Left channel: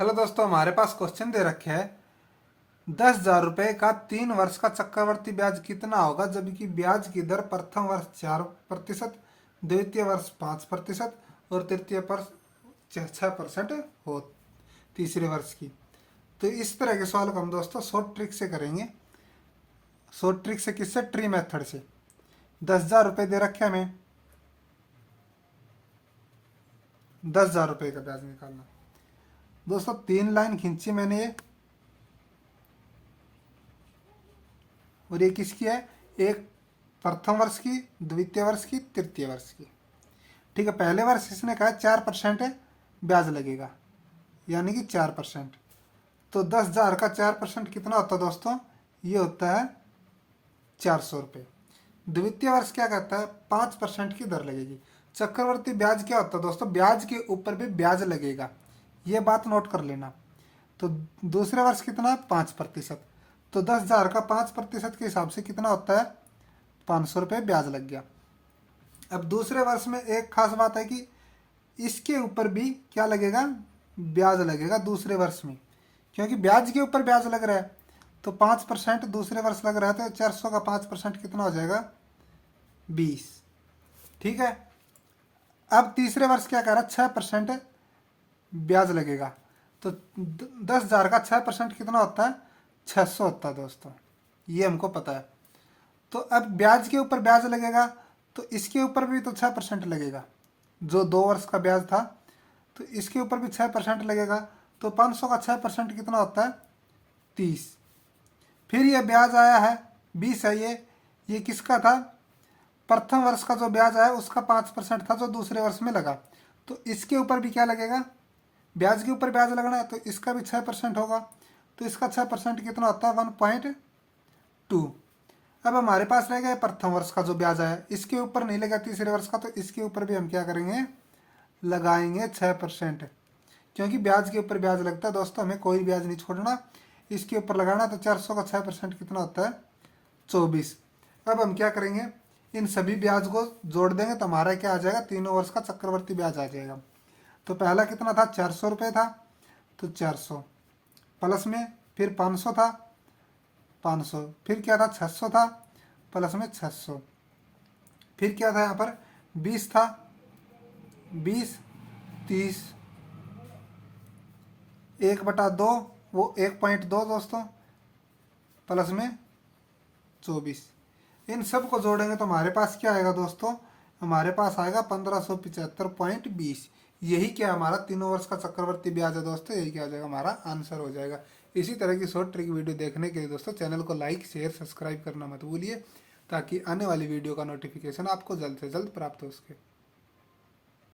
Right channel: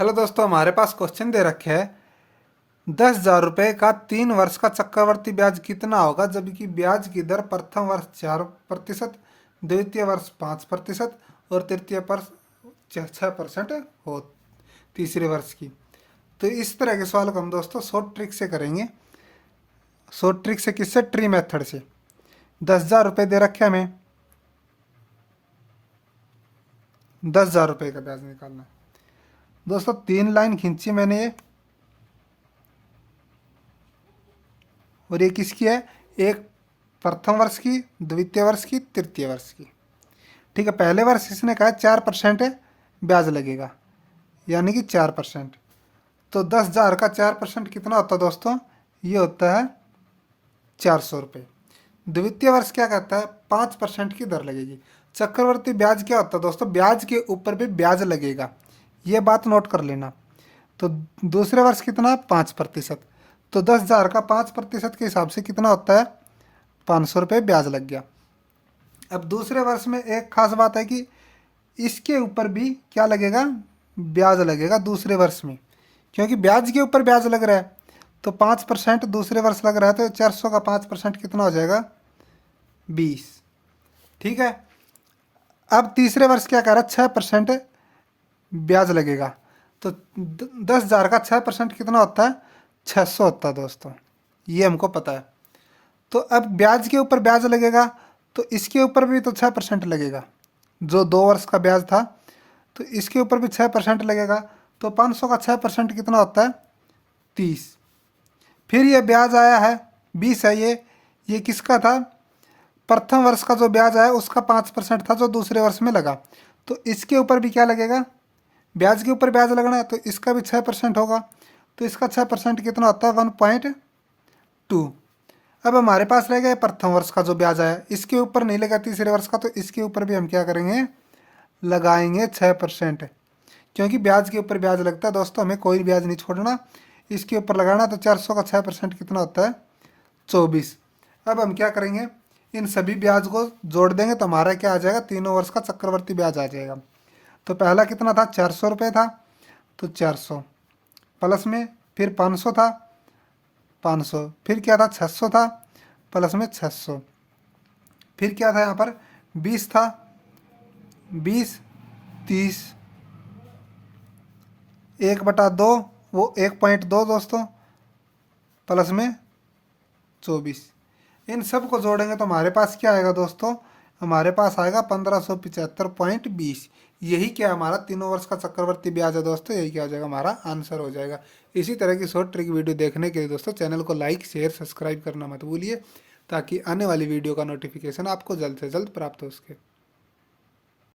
Hello दोस्तों, हमारे पास question दे रखे है 10,000 रुपये का 3 वर्ष का चक्रवर्ती ब्याज कितना होगा, जबकि ब्याज की दर प्रथम वर्ष 4%, द्वितीय वर्ष 5% और तृतीय वर्ष 6% हो तीसरे वर्ष की। तो इस तरह के सवाल को हम दोस्तों शॉर्ट ट्रिक से करेंगे। शॉर्ट ट्रिक से किससे? ट्री मेथड से। 10,000 रुपये दे रखे हमें, 10,000 रुपये का ब्याज निकालना है। दोस्तों 3 लाइन खींची मैंने ये, और ये किसकी है? एक प्रथम वर्ष की, द्वितीय वर्ष की, तृतीय वर्ष की। ठीक है, पहले वर्ष इसने कहा 4% ब्याज लगेगा, यानी कि 4%। तो 10,000 का 4% कितना होता है दोस्तों? ये होता है 400 रुपये। द्वितीय वर्ष क्या कहता है? 5% की दर लगेगी। चक्रवर्ती ब्याज क्या होता है दोस्तों? ब्याज के ऊपर भी ब्याज लगेगा, ये बात नोट कर लेना। तो दूसरे वर्ष कितना? 5%। तो 10,000 का 5% के हिसाब से कितना होता है? 500 रुपये ब्याज लग गया। अब दूसरे वर्ष में एक खास बात है कि इसके ऊपर भी क्या लगेगा? ब्याज लगेगा दूसरे वर्ष में, क्योंकि ब्याज के ऊपर ब्याज लग रहा है। तो 5% दूसरे वर्ष लग रहा है, तो 400 का 5% कितना हो जाएगा? 20। ठीक है, अब तीसरे वर्ष क्या कह रहा है? 6% ब्याज लगेगा। तो 10,000 का 6% कितना होता है? 600 होता है दोस्तों, ये हमको पता है। तो अब ब्याज के ऊपर ब्याज लगेगा, तो इसके ऊपर भी तो 6% लगेगा। जो 2 वर्ष का ब्याज था, तो इसके ऊपर भी 6% लगेगा। तो 500 का 6% कितना होता है? 30। फिर ये ब्याज आया है 20 है ये किसका था? प्रथम वर्ष का जो ब्याज आया उसका 5% था, जो दूसरे वर्ष में लगा। तो इसके ऊपर भी क्या लगेगा? ब्याज के ऊपर ब्याज लगना है, तो इसका भी 6% होगा। तो इसका 6% कितना होता है? 1.2। अब हमारे पास रह गया प्रथम वर्ष का जो ब्याज आया, इसके ऊपर नहीं लगा तीसरे वर्ष का, तो इसके ऊपर भी हम क्या करेंगे? लगाएंगे 6%। क्योंकि ब्याज के ऊपर ब्याज लगता है दोस्तों, हमें कोई ब्याज नहीं छोड़ना, इसके ऊपर लगाना। तो 400 का 6% कितना होता है? 24। अब हम क्या करेंगे? इन सभी ब्याज को जोड़ देंगे, तो हमारा क्या आ जाएगा? तीनों वर्ष का चक्रवर्ती ब्याज आ जाएगा। तो पहला कितना था? 400 रुपये था, तो 400 प्लस में फिर 500 था, 500 फिर क्या था? 600 था, प्लस में 600 फिर क्या था यहाँ पर? 20 था, 20, 30, 1/2, वो 1.2 दोस्तों, प्लस में 24। इन सब को जोड़ेंगे तो हमारे पास क्या आएगा दोस्तों? हमारे पास आएगा 1575.20। यही क्या हमारा तीनों वर्ष का चक्रवर्ती ब्याज है दोस्तों, यही क्या हो जाएगा? हमारा आंसर हो जाएगा। इसी तरह की शॉर्ट ट्रिक वीडियो देखने के लिए दोस्तों चैनल को लाइक, शेयर, सब्सक्राइब करना मत भूलिए, ताकि आने वाली वीडियो का नोटिफिकेशन आपको जल्द से जल्द प्राप्त हो सके।